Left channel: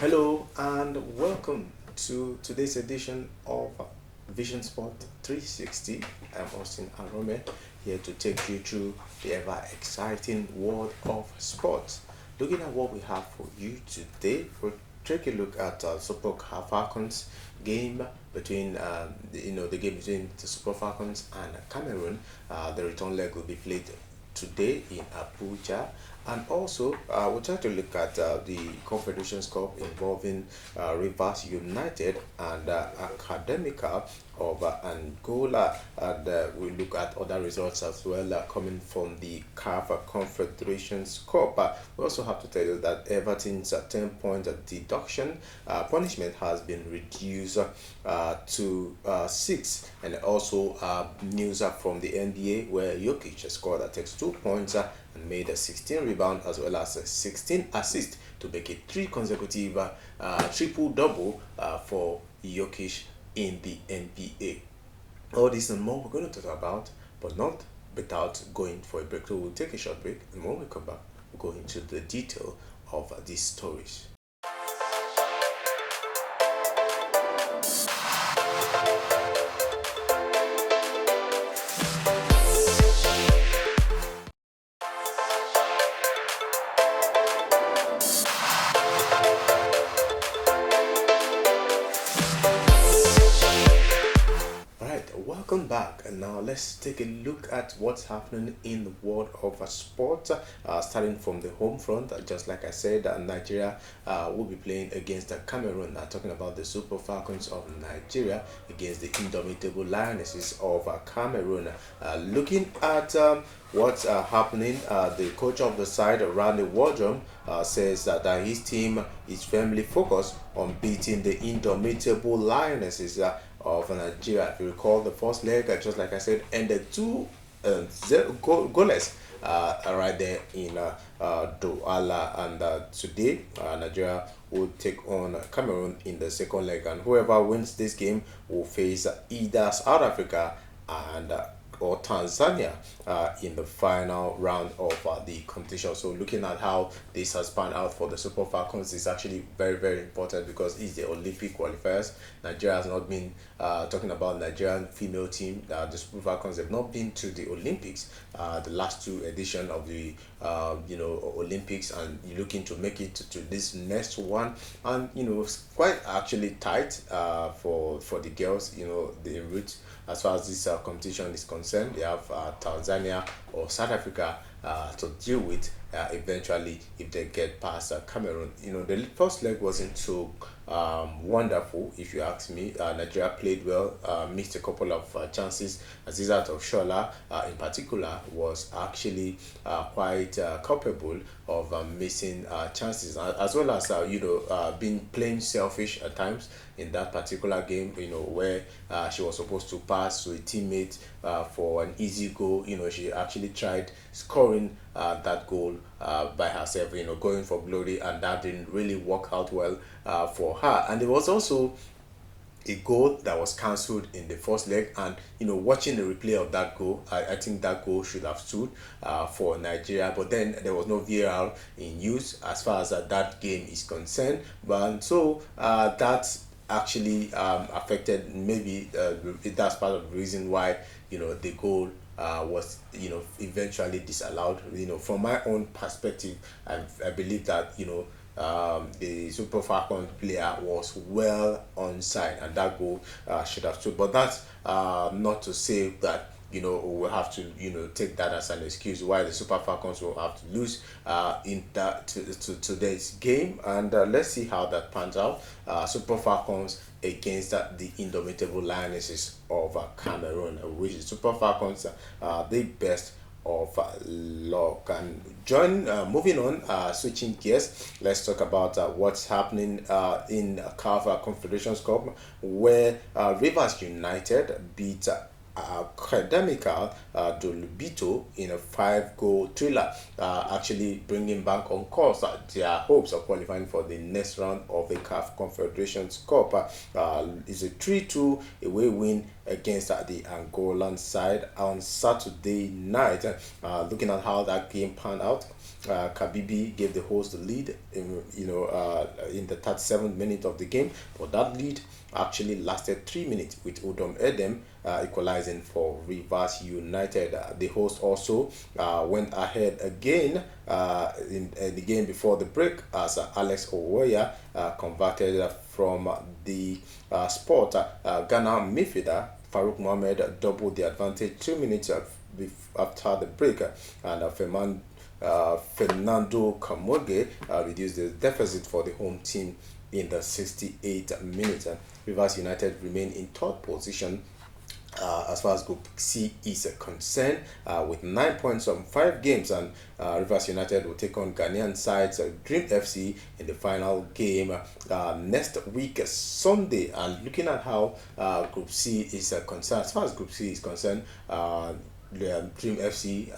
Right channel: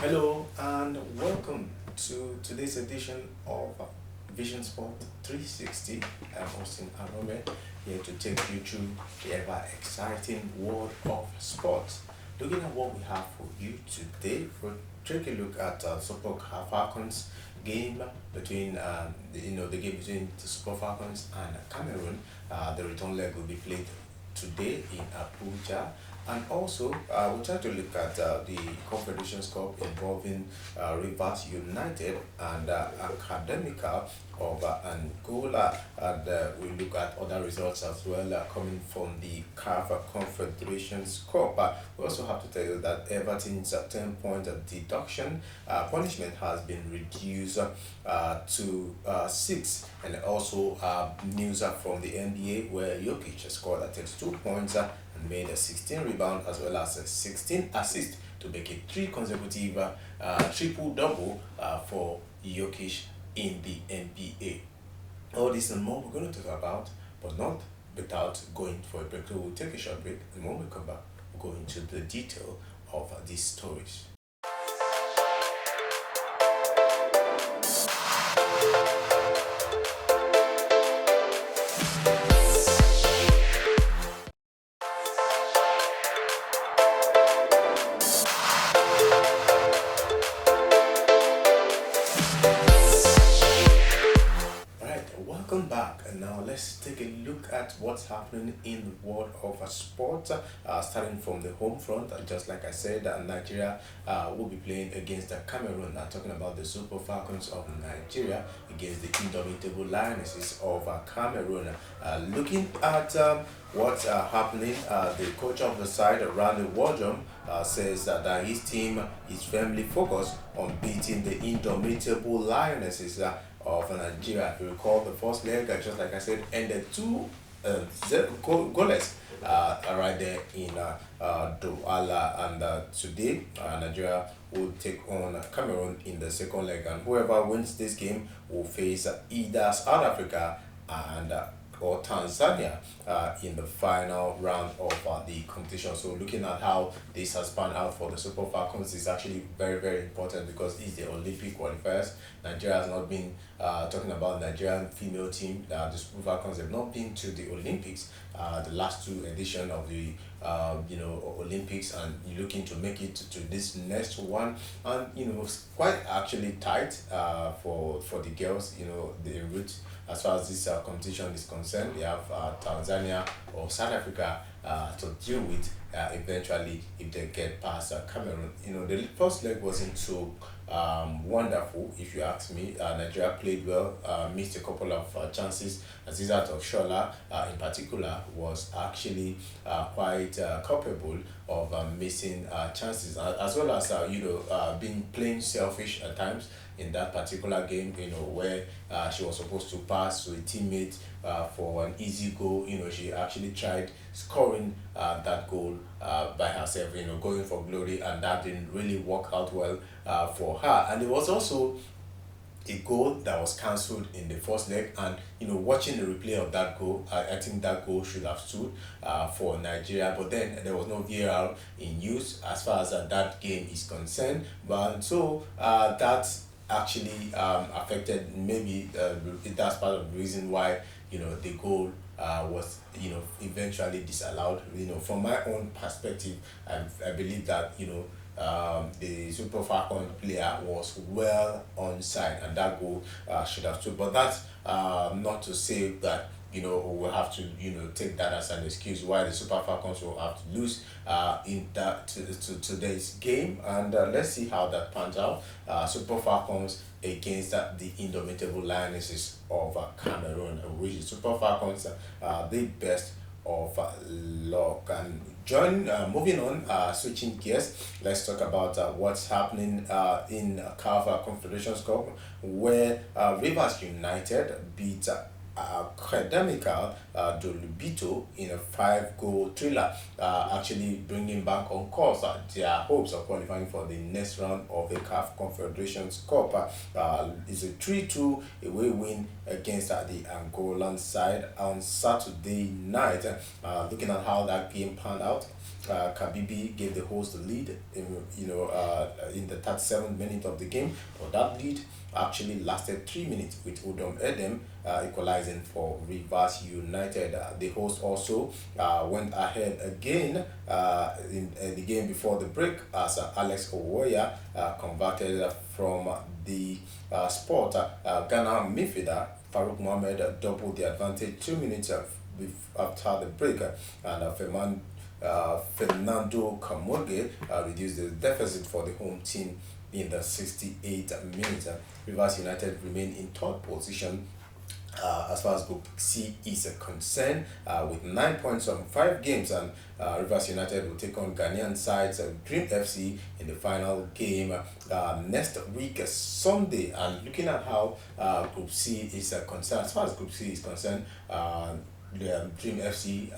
Hello and welcome to today's edition of Vision Sport 360. I'm Austin Arome here to take you through the ever exciting world of sports. Looking at what we have for you today, we'll take a look at Super Falcons game between the game between the Super Falcons and Cameroon. The return leg will be played today in Abuja. And also, we'll try to look at the Confederations Cup involving Rivers United and Academica of Angola. And we look at other results as well coming from the CAF Confederations Cup. We also have to tell you that Everton's 10-point deduction punishment has been reduced to 6. And also news from the NBA where Jokic scored 32 points and made a 16 rebound as well as a 16 assist to make it three consecutive triple double for Jokic in the NBA. All this and more we're going to talk about, but not without going for a break. So we'll take a short break, and when we come back, we'll go into the detail of these stories. Right, welcome back. And now let's take a look at what's happening in the world of sport. Starting from the home front, just like I said, Nigeria will be playing against Cameroon. Talking about the Super Falcons of Nigeria against the Indomitable Lionesses of Cameroon. Looking at what's happening, the coach of the side, Randy Wardrum, says that his team is firmly focused on beating the Indomitable Lionesses of Nigeria. If you recall, the first leg, just like I said, ended 2-0 goalless right there in Douala. And today, Nigeria will take on Cameroon in the second leg, and whoever wins this game will face either South Africa and or Tanzania in the final round of the competition. So looking at how this has panned out for the Super Falcons is actually very, very important because it's the Olympic qualifiers. Nigeria has not been talking about Nigerian female team. The Super Falcons have not been to the Olympics, the last two edition of the Olympics, and you're looking to make it to this next one. And it's quite actually tight for the girls. The route as far as this competition is concerned. They have Tanzania or South Africa to deal with eventually if they get past Cameroon. The first leg wasn't so wonderful, if you ask me. Nigeria played well, missed a couple of chances. Azizat of Shola, in particular, was actually quite culpable of missing chances, as well as being playing selfish at times in that particular game. Where she was supposed to pass to a teammate for an easy goal. She actually tried scoring that goal by herself. Going for glory, and that didn't really work out well for her. And there was also a goal that was cancelled in the first leg, and watching the replay of that goal, I think that goal should have stood for Nigeria, but then there was no VAR in use as far as that game is concerned. But so that's actually affected, maybe that's part of the reason why the goal was eventually disallowed. From my own perspective, I believe that the Super Falcon player was well onside, and that goal should have stood. But that's not to say that we'll have to take that as an excuse why the Super Falcons will have to lose in that to today's game. And let's see how that pans out. Super Falcons against the Indomitable Lionesses of Cameroon, which is Super Falcons the best of luck. And moving on, switching gears, let's talk about what's happening in CAF Confederations Cup, where Rivers United beat Academical Dolubito in a 5-goal thriller, actually bringing back on course their hopes of qualifying for the next round of the CAF Confederations Cup. Is a 3-2 away win against the Angolan side on Saturday night. Looking at how that game panned out, Kabibi gave the host the lead in the 37th minute of the game, but that lead actually lasted 3 minutes with Udom Edem equalizing for Rivers United. The host also went ahead again in the game before the break as Alex Owoya converted from the spot. Ghana midfielder Farouk Mohamed doubled the advantage 2 minutes after the break, and Fernando Camoge reduced the deficit for the home team in the 68th minute. Rivers United remain in third position as far as Group C is concerned, with 9 points from 5 games, and Rivers United will take on Ghanaian sides Dream FC in the final game next week Sunday. And looking at how Group C is concerned, as far as Group C is concerned, the Dream FC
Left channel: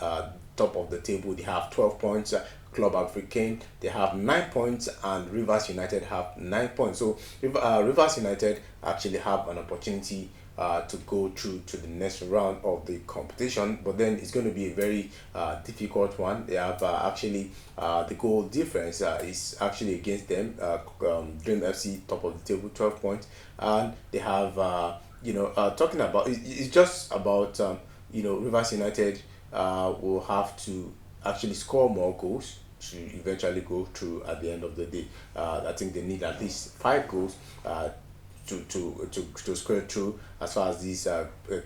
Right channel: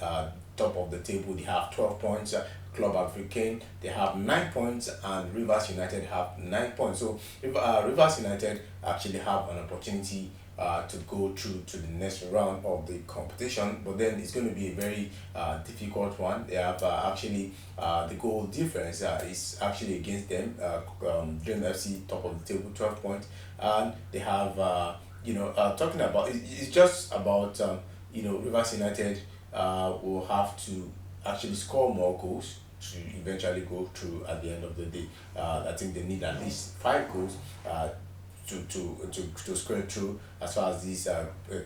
top of the table. They have 12 points. Club Africain, they have 9 points, and Rivers United have 9 points. So Rivers United actually have an opportunity to go through to the next round of the competition, but then it's going to be a very difficult one. They have actually the goal difference is actually against them. Dream FC top of the table, 12 points, and they have talking about it's just about Rivers United will have to actually score more goals to eventually go through at the end of the day. I think they need at least 5 goals to square through as far as this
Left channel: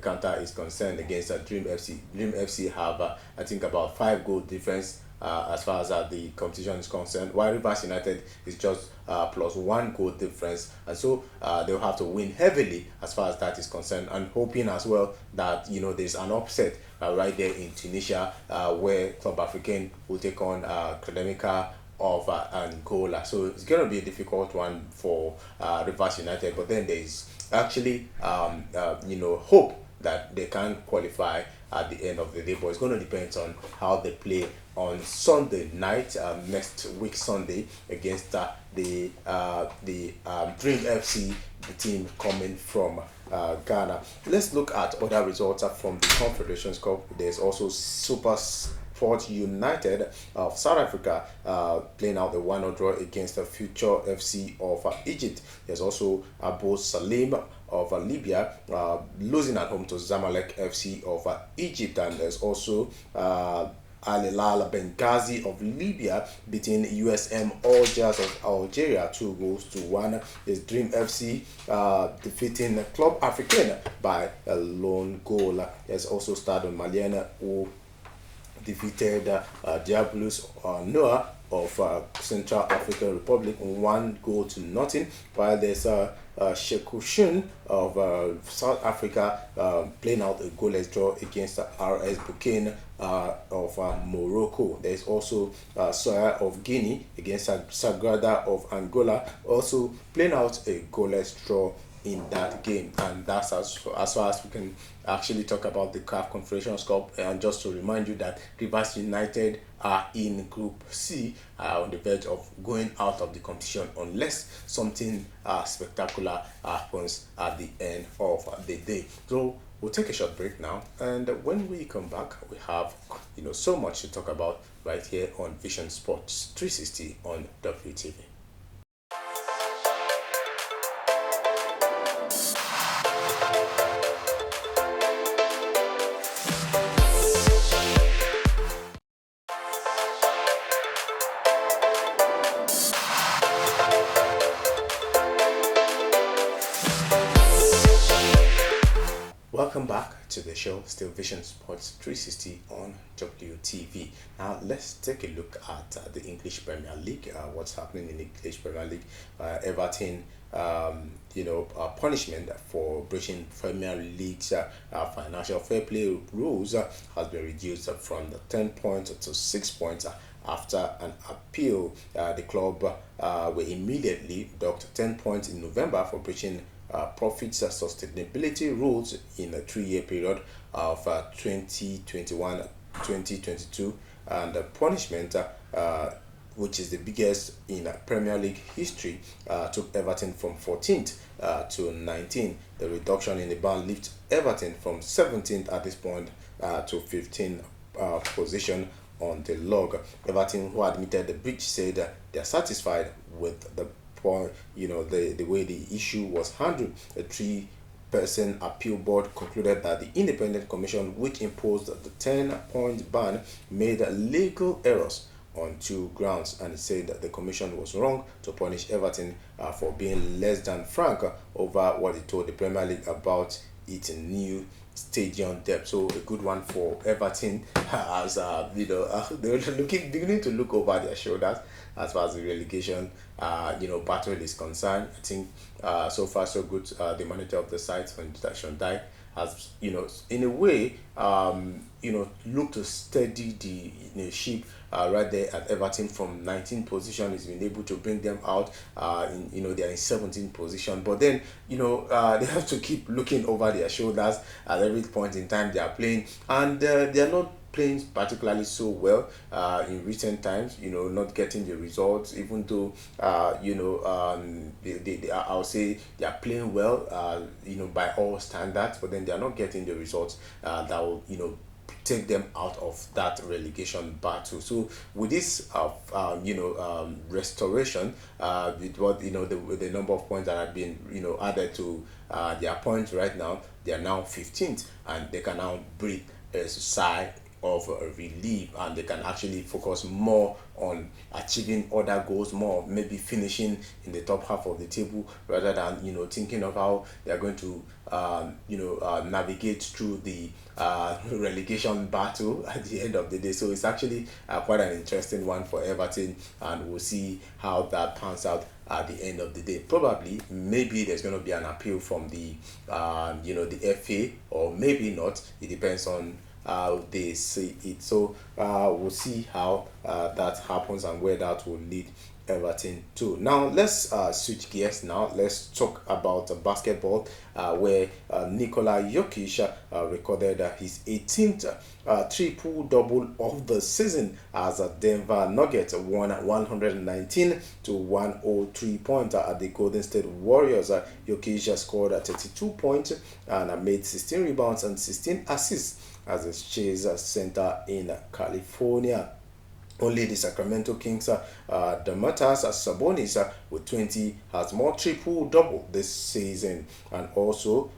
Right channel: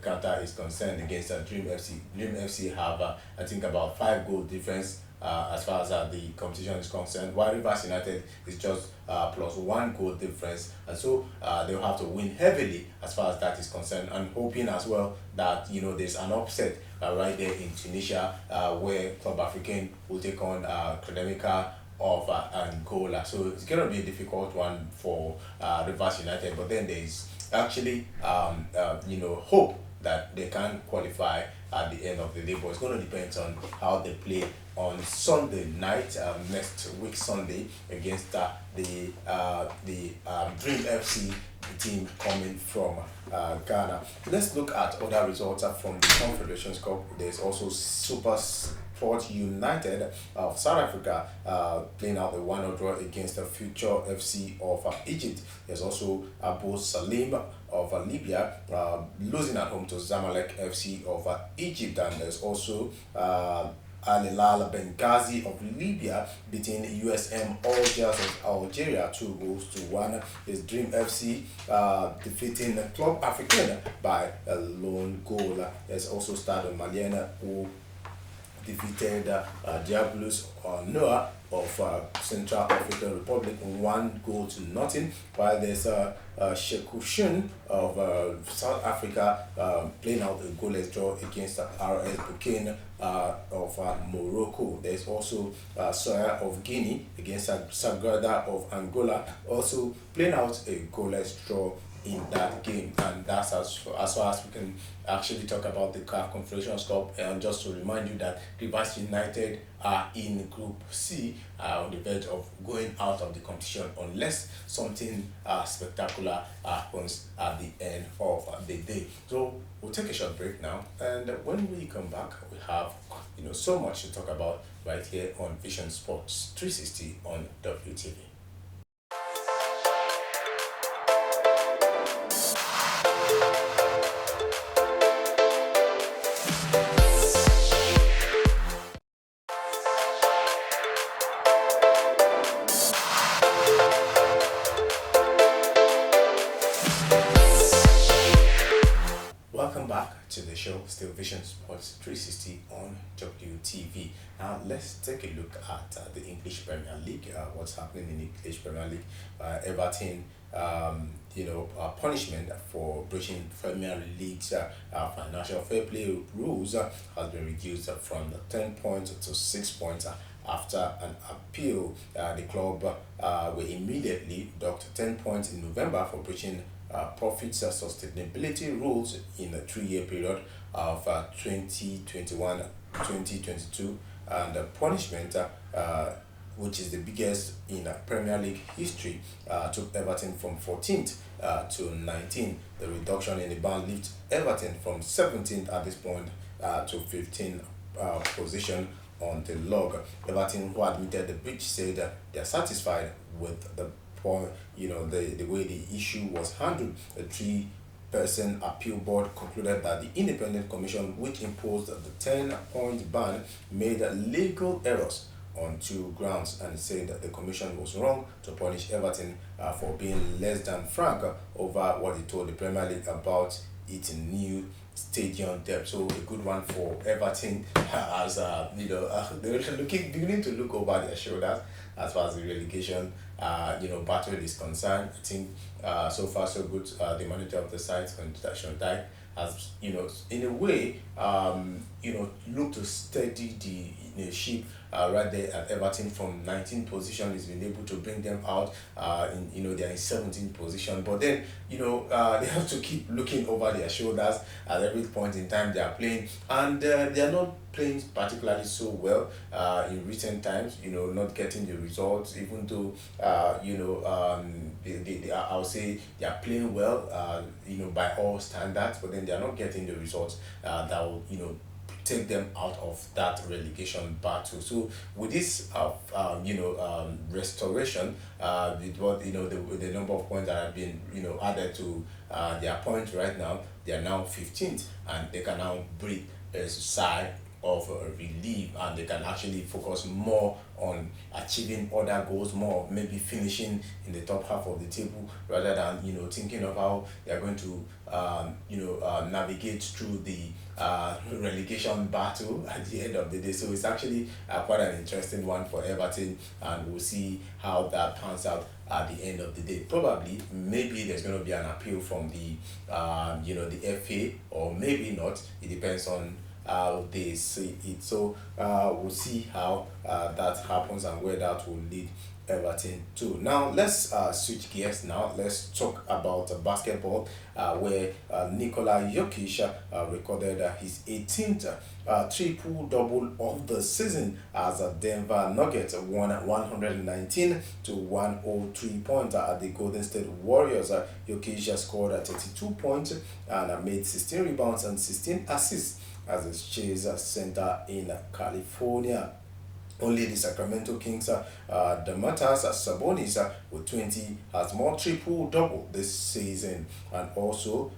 counter is concerned against Dream FC. Dream FC have I think about 5 goal difference as far as the competition is concerned, while Rivers United is just plus 1 goal difference, and so they'll have to win heavily as far as that is concerned, and hoping as well that there's an upset right there in Tunisia where Club Africain will take on Academica of Angola. So it's going to be a difficult one for Rivers United, but then there is actually hope that they can qualify at the end of the day, but it's going to depend on how they play on Sunday night, next week Sunday, against the Dream FC, the team coming from Ghana. Let's look at other results from the Confederations Cup. There's also Super Sport United of South Africa playing out the 1-0 draw against the Future FC of Egypt. There's also Abu Salim of Libya losing at home to Zamalek FC of Egypt, and there's also Al Hilal Benghazi of Libya beating USM Algiers of Algeria 2-1. Is Dream FC defeating Club Africain by a lone goal. There's also Stade Malien who defeated Diabolus Noah of Central African Republic 1-0, while there's Shekushun of South Africa playing out a goalless draw against RS Burkina of Morocco. There's also Soya of Guinea against Sagrada of Angola, also playing out a goalless draw in that game. And that's as far as we can actually talk about the CAF Confederations Cup. And just to remind you that Rivers United are in Group C, on the verge of going out of the competition unless something spectacular happens at the end of the day. So we'll take a short break now, and when we come back, we have so much to talk about right here on Vision Sports 360 on WTV. Welcome back to the show, still Vision Sports 360 on WTV. Now let's take a look at the English Premier League. What's happening in the English Premier League? Everton, punishment for breaching Premier League's financial fair play rules has been reduced from the 10 points to 6 points. After an appeal, the club were immediately docked 10 points in November for breaching profits sustainability rules in a 3-year period of 2021-2022, and the punishment, which is the biggest in Premier League history, took Everton from 14th to 19th. The reduction in the ban lifts Everton from 17th at this point to 15th position on the log. Everton, who admitted the breach, said they are satisfied with the point, the way the issue was handled. The three-person appeal board concluded that the independent commission, which imposed the 10-point ban, made legal errors on two grounds, and it said that the commission was wrong to punish Everton for being less than frank over what it told the Premier League about its new stadium depth. So a good one for Everton, as they were beginning to look over their shoulders as far as the relegation battle is concerned. I think so far so good. The manager of the side, Sean Dyche, has in a way looked to steady the ship right there at Everton from 19th position. He's been able to bring them out they're in 17th position, but then they have to keep looking over their shoulders at every point in time they are playing, and they are not playing particularly so well in recent times, not getting the results, even though I'll say they are playing well by all standards, but then they are not getting the results that will take them out of that relegation battle. So with this restoration, with what the number of points that have been added to their points right now, they are now 15th, and they can now breathe a sigh of relief, and they can actually focus more on achieving other goals, more maybe finishing in the top half of the table, rather than thinking of how they are going to navigate through the relegation battle at the end of the day. So it's actually quite an interesting one for Everton, and we'll see how that pans out at the end of the day. Probably, maybe there's going to be an appeal from the the FA, or maybe not. It depends on how they see it. So we'll see how that happens and where that will lead Everton to. Now let's switch gears. Now let's talk about basketball, where Nikola Jokic recorded his 18th triple double of the season as Denver Nuggets won 119 to 103 points at the Golden State Warriors. Jokic scored 32 points and made 16 rebounds and 16 assists as a Chase Center in California. Only the Sacramento Kings, Domantas Sabonis with 20 has more triple-double this season. And also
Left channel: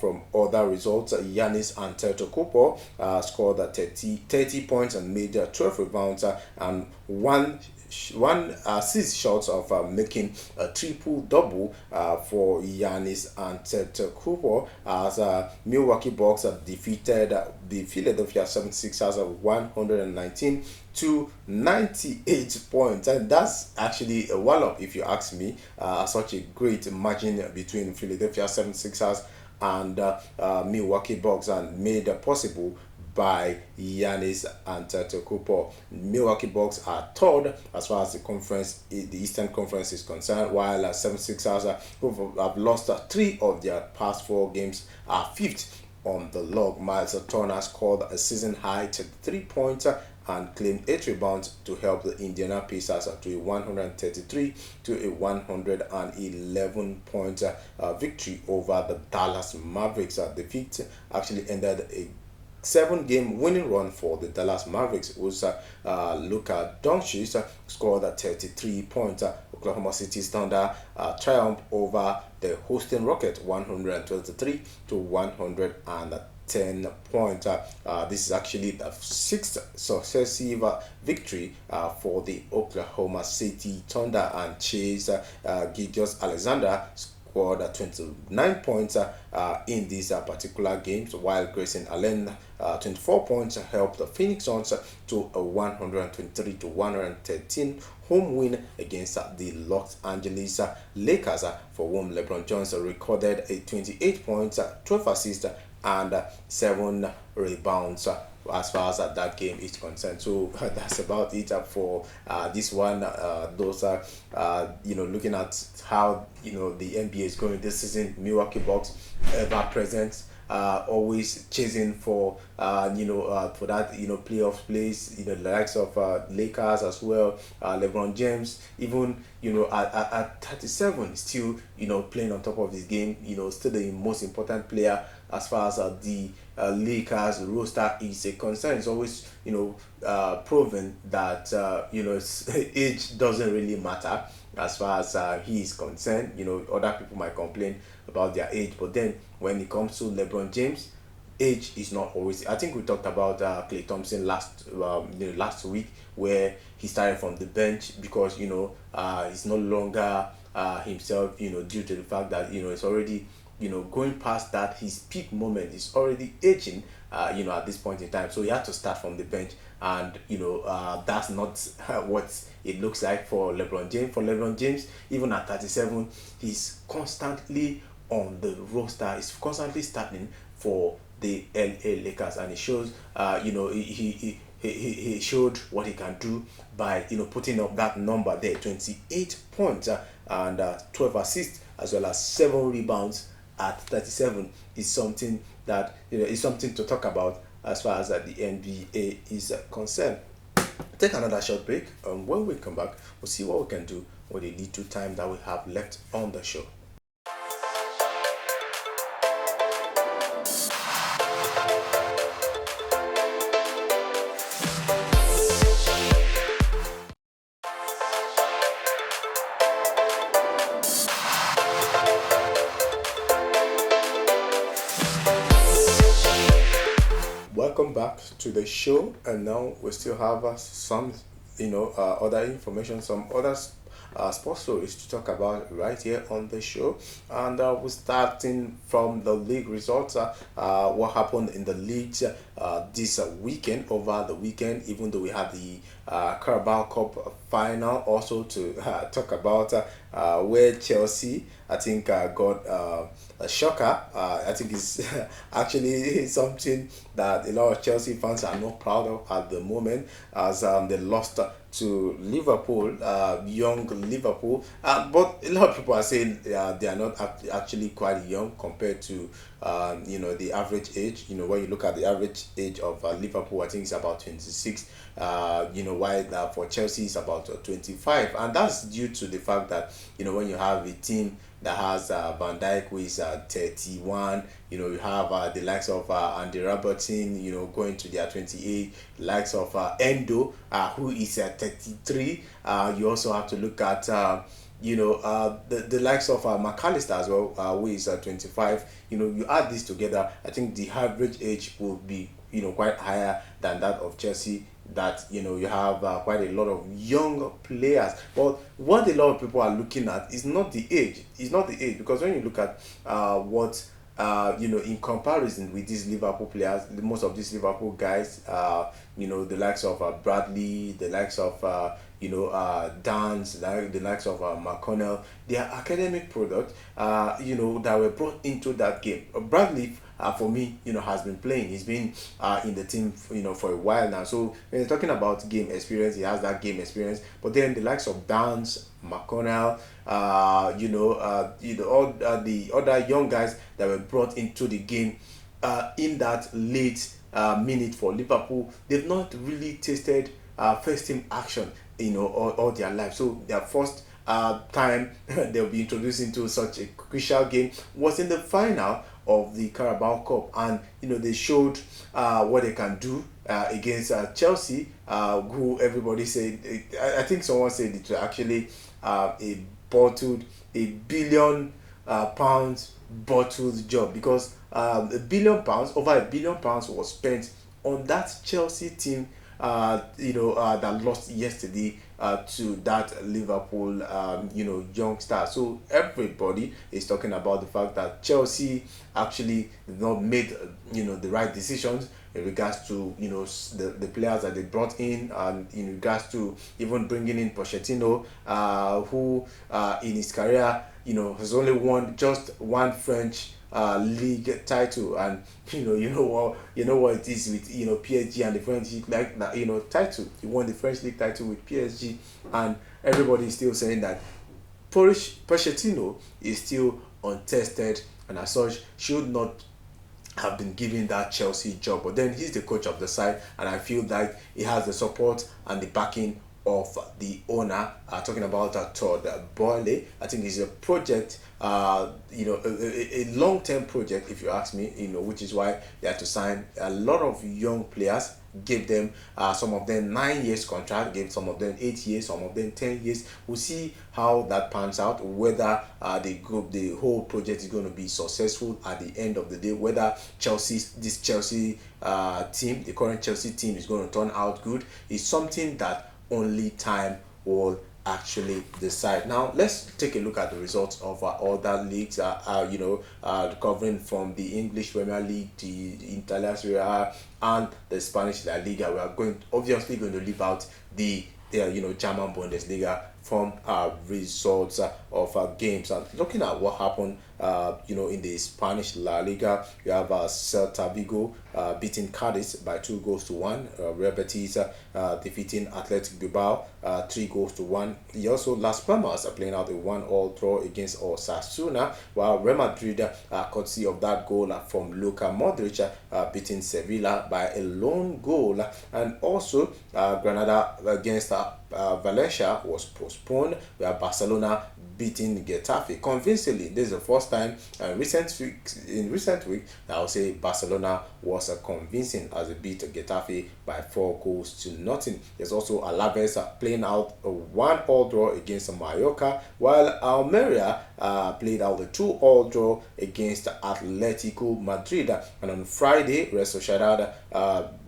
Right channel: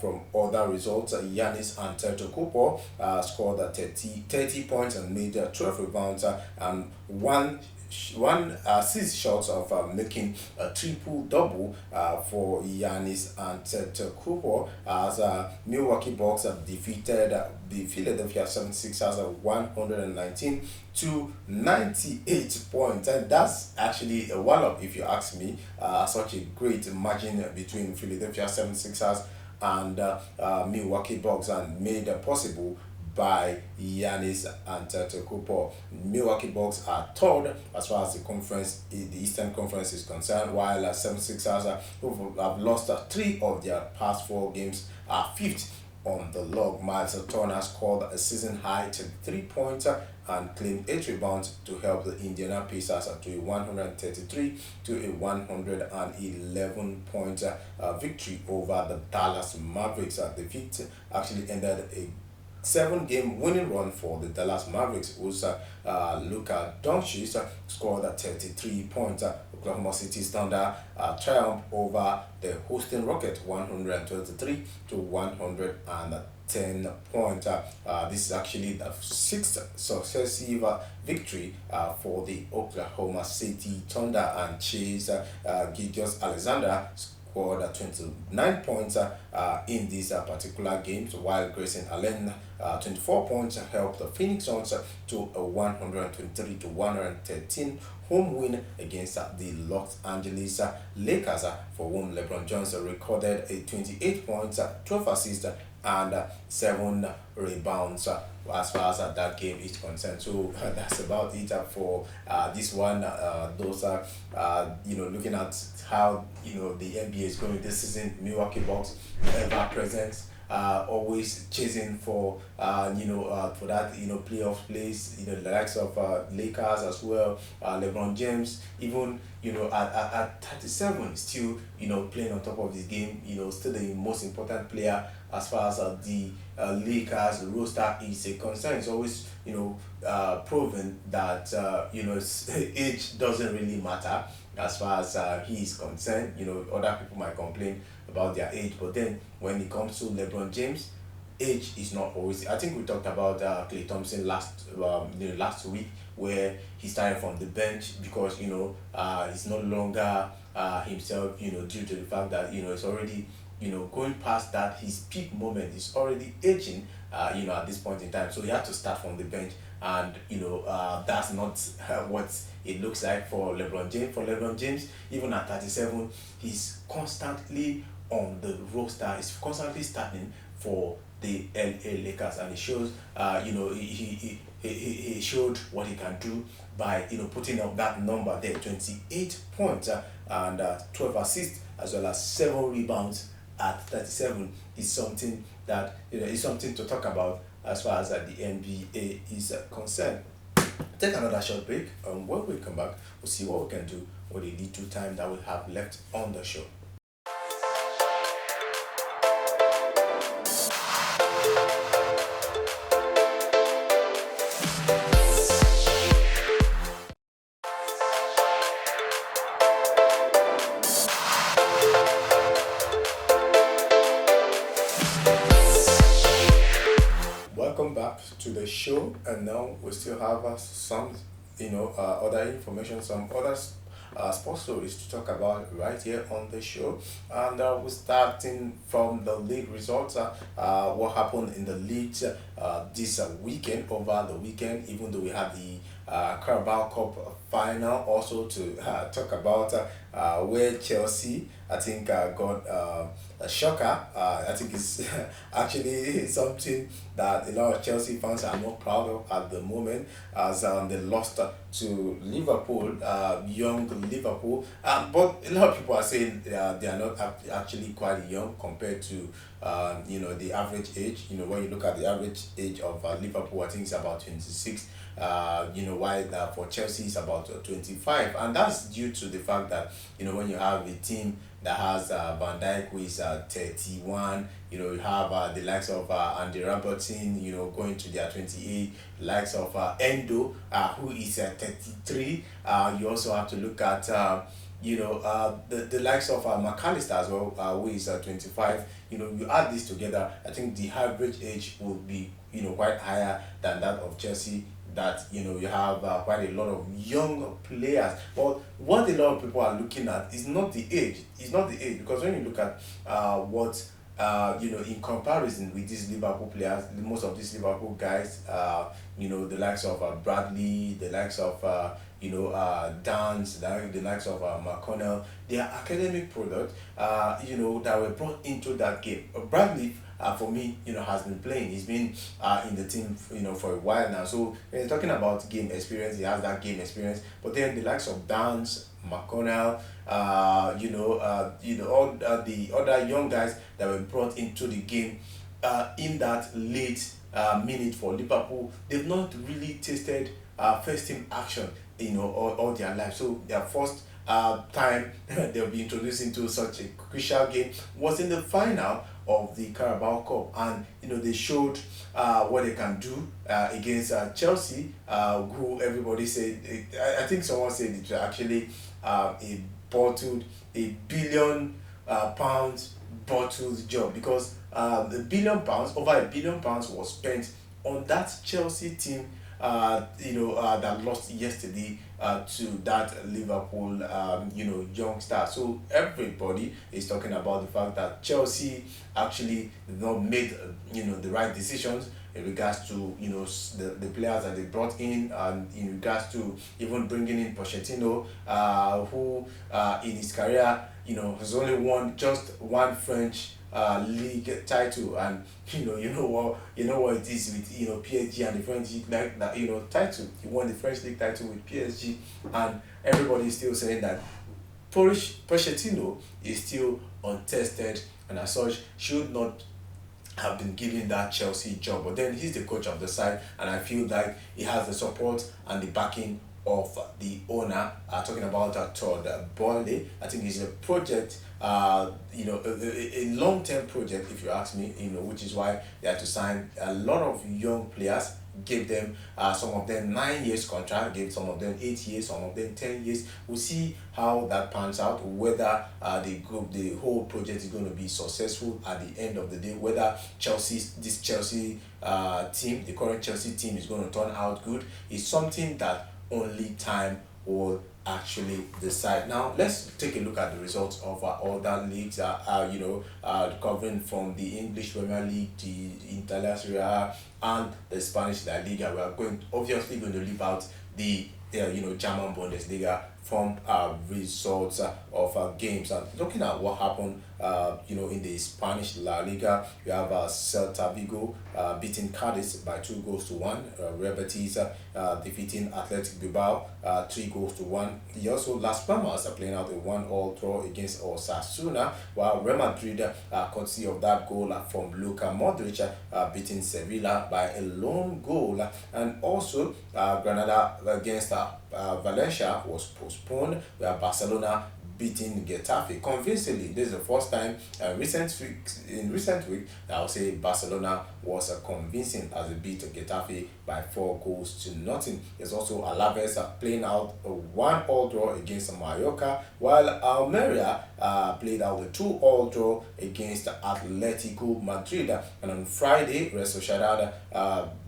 from other results, Giannis Antetokounmpo scored 30 points and made 12 rebounds and one assist short of making a triple-double for Giannis Antetokounmpo as Milwaukee Bucks defeated the Philadelphia 76ers 119 to 98 points, and that's actually a wallop if you ask me. Such a great margin between Philadelphia 76ers and Milwaukee Bucks, and made possible by Giannis Antetokounmpo. Milwaukee Bucks are third as far as the Eastern Conference is concerned, while 76ers, who have lost 3 of their past 4 games, are fifth on the log. Miles Turner scored a season high 3 points and claimed 8 rebounds to help the Indiana Pacers to a 133 to a 111 point victory over the Dallas Mavericks. The feat actually ended a 7-game winning run for the Dallas Mavericks, whose Luka Doncic scored 33 points. Oklahoma City's Thunder triumph over the hosting Rockets 123 to 110 points. This is actually the 6th successive victory for the Oklahoma City Thunder, and Chase Gilgeous-Alexander scored 29 points in these particular games, while Grayson Allen 24 points helped the Phoenix Suns to a 123 to 113 home win against the Los Angeles Lakers, for whom LeBron James recorded a 28 points, 12 assists, and 7 rebounds as far as that game is concerned. So that's about it for this one. Those are looking at how the NBA is going this season. Milwaukee Bucks ever present always chasing for for that playoff place. The likes of Lakers as well. LeBron James, even at 37, still playing on top of this game. Still the most important player as far as the Lakers roster is a concern. It's always proven that age doesn't really matter as far as he is concerned. Other people might complain about their age, but then when it comes to LeBron James, age is not always. I think we talked about Clay Thompson last week, where he started from the bench because he's no longer himself. Due to the fact that it's already going past that his peak moment is already aging. At this point in time, so he had to start from the bench, and that's not what it looks like for LeBron James. For LeBron James, even at 37, he's constantly on the roster. He's constantly starting for the LA Lakers, and it shows. He showed what he can do by putting up that number there, 28 points and 12 assists, as well as 7 rebounds at 37 is something that is something to talk about as far as the NBA is concerned. Take another short break, and when we come back, we'll see what we can do with the little time that we have left on the show. Welcome back to the show, and now we still have some other information, some other sports stories to talk about right here on the show. And we're starting from the league results. What happened in the league this weekend, over the weekend, even though we had the Carabao Cup final also to talk about, where Chelsea, I think, got a shocker. I think it's actually something that a lot of Chelsea fans are not proud of at the moment, as they lost to Liverpool, young Liverpool. But a lot of people are saying they are not actually quite young compared to the average age. When you look at the average age of Liverpool, I think it's about 26. While for Chelsea it's about 25, and that's due to the fact that when you have a team that has Van Dijk, who is 31. You have the likes of Andy Robertson, going to their 28. The likes of Endo, who is 33. You also have to look at the likes of McAllister as well, who is 25. You add this together, I think the average age will be quite higher than that of Chelsea. That you have quite a lot of young players, but what a lot of people are looking at is not the age. It's not the age, because when you look at what in comparison with these Liverpool players, most of these Liverpool guys, the likes of Bradley, the likes of Dance, the likes of McConnell, they are academic products, that were brought into that game. Bradley, for me, has been playing. He's been in the team, for a while now. So when you're talking about game experience, he has that game experience. But then the likes of Dance, McConnell, all the other young guys that were brought into the game in that late minute for Liverpool, they've not really tasted first team action, all their life. So their first time they'll be introduced into such a crucial game was in the final of the Carabao Cup, and they showed what they can do against Chelsea, who everybody said, I think someone said it was actually a billion pounds bottled job, because £1 billion, over £1 billion was spent on that Chelsea team that lost yesterday to that Liverpool, young star. So everybody is talking about the fact that Chelsea actually did not made, the right decisions in regards to, the players that they brought in, and in regards to even bringing in Pochettino, who in his career, has only won just one French league title. And what it is with PSG and the French league, like that, title. He won the French league title with PSG, and everybody is still saying that Pochettino is still untested, and as such should not have been given that Chelsea job. But then he's the coach of the side, and I feel that he has the support and the backing of the owner. Talking about Todd Boehly, I think it's a project, a long-term project, if you ask me. Which is why they had to sign a lot of young players. Gave them some of them 9 years contract, gave some of them 8 years, some of them 10 years. We'll see how that pans out. Whether the whole project is going to be successful at the end of the day. Whether this Chelsea team, the current Chelsea team, is going to turn out good is something that only time will actually decide. Now let's take a look at the results of our other leagues. Covering from the English Premier League, the Italian Serie A, and the Spanish La Liga. We are obviously going to leave out the German Bundesliga from results of games. And looking at what happened, in the Spanish La Liga, you have Celta Vigo beating Cadiz by 2 goals to 1. Real Betis defeating Athletic Bilbao 3 goals to 1. You also Las Palmas are playing out a 1-all draw against Osasuna, while Real Madrid, courtesy of that goal from Luka Modric, beating Sevilla by a lone goal. And also Granada against Valencia was postponed. We have Barcelona beating Getafe convincingly. This is the first time in recent week I would say Barcelona was convincing as they beat Getafe by 4 goals to 0. There's also Alaves playing out a 1-all draw against Mallorca, while Almeria played out a 2-all draw against Atletico Madrid. And on Friday, Real Sociedad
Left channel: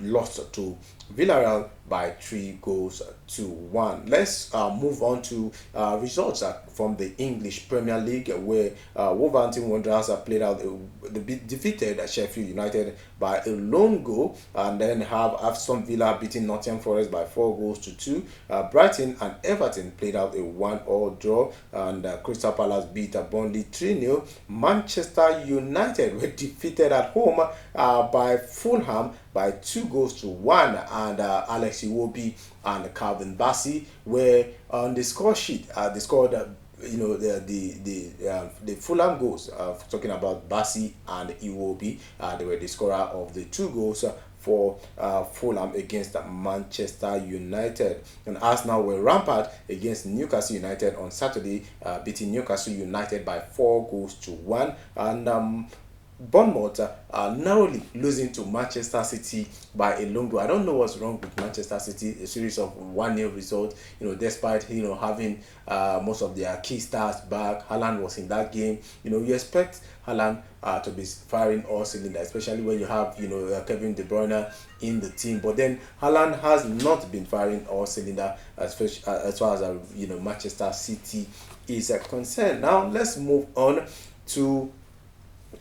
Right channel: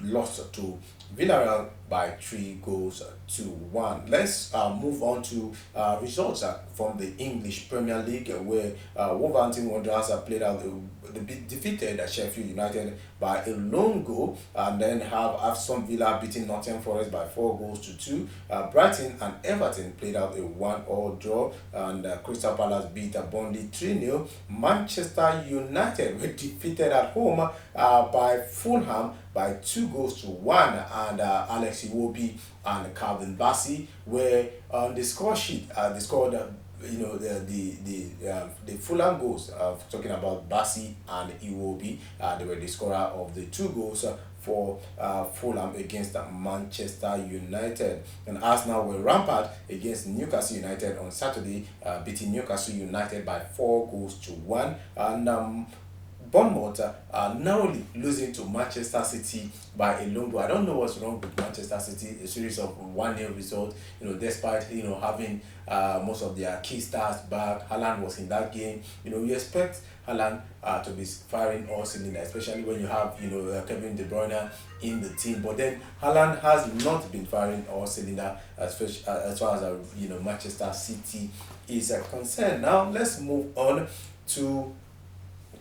lost to Villarreal by 3 goals to 1. Let's move on to results from the English Premier League, where Wolverhampton Wanderers played out. They defeated Sheffield United by a lone goal, and then have Aston Villa beating Nottingham Forest by 4 goals to 2. Brighton and Everton played out a 1-all draw, and Crystal Palace beat Burnley 3-0. Manchester United were defeated at home by Fulham by 2 goals to 1, and Alex Iwobi and Calvin Bassey were on the score sheet. They scored the Fulham goals. Talking about Bassey and Iwobi, they were the scorer of the 2 goals for Fulham against Manchester United. And Arsenal were rampant against Newcastle United on Saturday, beating Newcastle United by 4 goals to 1. And Bournemouth narrowly losing to Manchester City by a long goal. I don't know what's wrong with Manchester City. A series of 1-0 results. Despite having most of their key stars back. Haaland was in that game. You expect Haaland to be firing all cylinders, especially when you have Kevin De Bruyne in the team. But then Haaland has not been firing all cylinders as far as Manchester City is concerned. Now let's move on to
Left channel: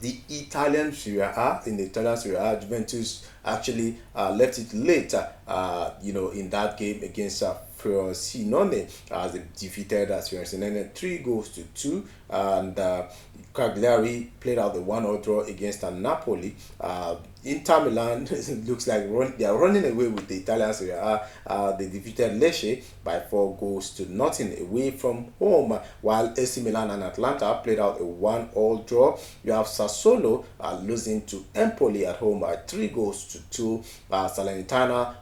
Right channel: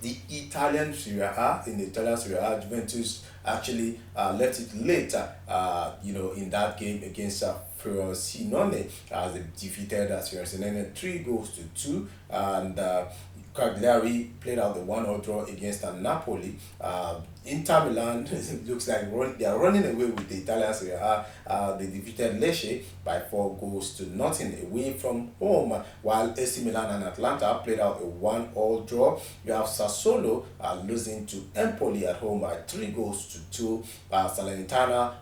the Italian Serie A. In the Italian Serie A, Juventus actually left it later, in that game against Frosinone, as they defeated Frosinone 3 goals to 2. And Cagliari played out the 1-all draw against Napoli. Inter Milan looks like they are running away with the Italian Serie A. They defeated Lecce by 4 goals to 0 away from home, while AC Milan and Atlanta played out a 1-all draw. You have Sassuolo losing to Empoli at home by 3 goals to 2. Salernitana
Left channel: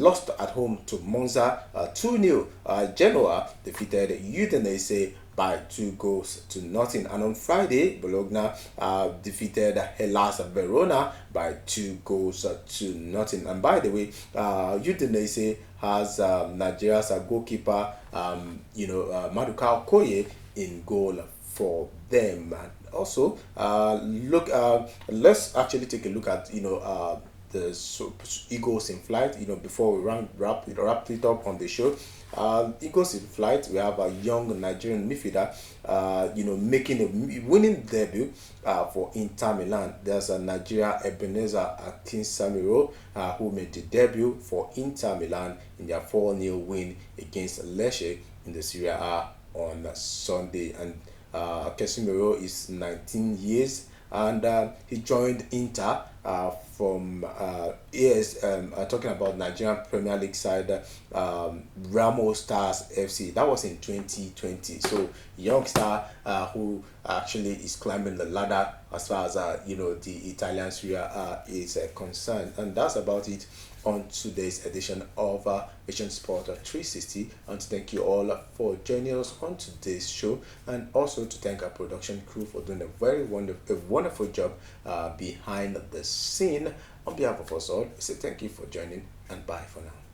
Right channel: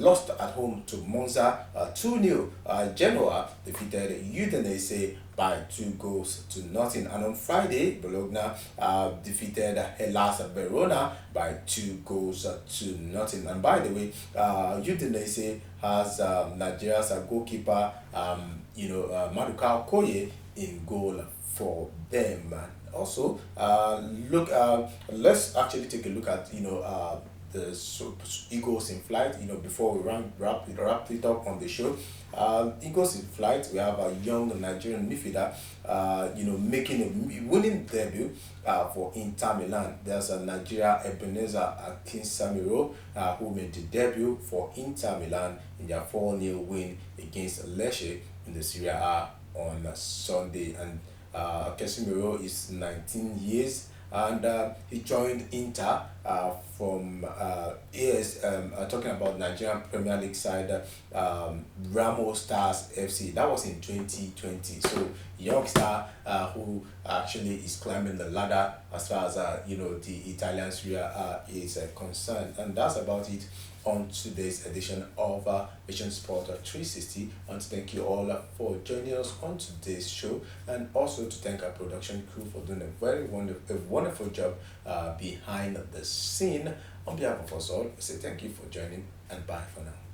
lost at home to Monza 2-0. Genoa defeated Udinese by 2 goals to 0. And on Friday, Bologna defeated Hellas Verona by 2 goals to 0. And by the way, Udinese has Nigeria's goalkeeper, Maduka Okoye in goal for them. And also, let's actually take a look at the Eagles in flight. Before we wrap it up on the show. Eagles in flight. We have a young Nigerian midfielder, making a winning debut for Inter Milan. There's a Nigeria Ebenezer Akinsamiro who made the debut for Inter Milan in their 4-0 win against Lecce in the Serie A on Sunday. And Casemiro is 19 years and he joined Inter from talking about Nigerian Premier League side, Ramo Stars FC. That was in 2020. So youngster who actually is climbing the ladder as far as the Italian Serie A is concerned. And that's about it on today's edition of Vision Sport 360. And thank you all for joining us on today's show, and also to thank our production crew for doing a wonderful job behind the scene. On behalf of us all, we say thank you for joining, and bye for now.